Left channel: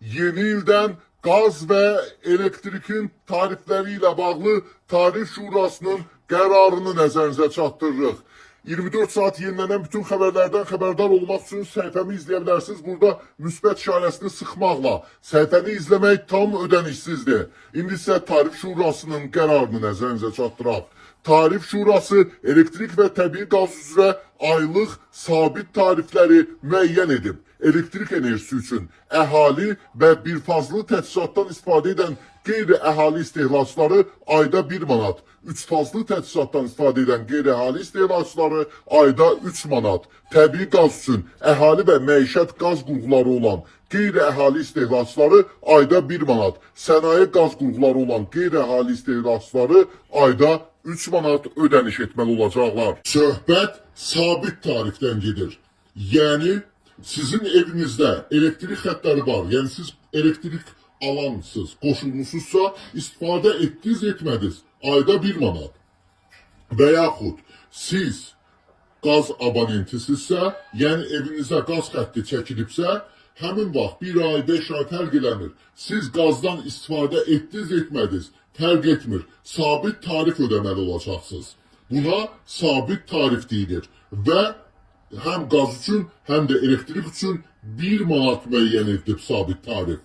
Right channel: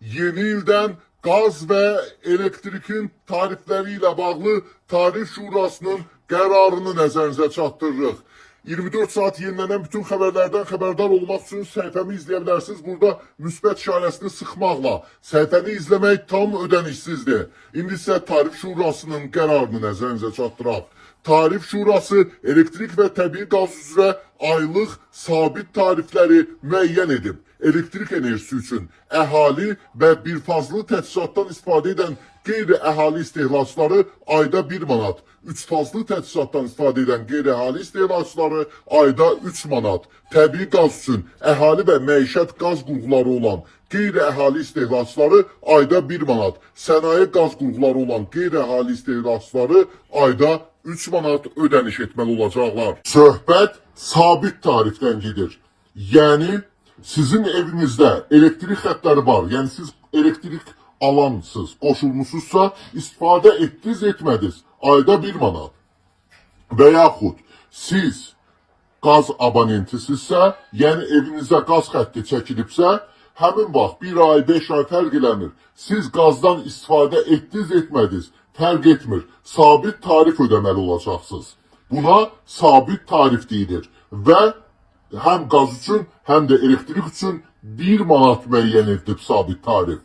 yeni ildən qaz və elektrikin tarifləri ilə bağlı Tarif Şurasının qərarını nəzərinizə çatdırırıq. 24 saat yenilənən bütün xəbərlərdən xəbərdar olmaq üçün səhifəmi izləyə bilərsiniz. Burada müsbət işarəsini sıxmaqla səhifəni izləmək tam ödənişsizdir. İndi isə Tarif Şurasının qərarını nəzərinizə çatdıraq. Tarif Şurası elektrik və təbii qaz üzrə aylıq sabit tarifləri müəyyən edib. Elektrik enerjisi üçün əhali və birfazlı təchizatdan istifadə edən qeyri-əhali istehlakçıları ayda 1 manat, 3 fazlı təchizatdan istifadə edən qeyri-əhali istehlakçıları ayda 3 manat, təbii qaz üçün əhali və məişət qaz qurğuları olan qeyri-əhali istehlakçıları ayda 1 manat, sənaye qaz qurğuları olan qeyri-əhali istehlakçıları ayda 3 manat ödəniş etməli olacaqlar. Söhbət sabit tarifdən gedir. Yəni, sizin evinizdə elektrik xətləri var, yəni siz elektrik alansız, qoşulmuşsuzsa, istifadə etdiniz, etmədiniz, ayda 1 manat. Və yaxud siz qaz abonentisizsə, yəni evinizə qaz xətti çəkilibsə, həmin vaxt 1 ay, 5 ay fərq eləmir. Siz qazdan istifadə etdiniz, etmədiniz, fərq etmir. Sabit tarif ödəməli olacaqsınız. Buna sabit tarif deyilir və həm qaz üçün, həm də elektrik üçün 1 manat müəyyən edilib sabit tarif.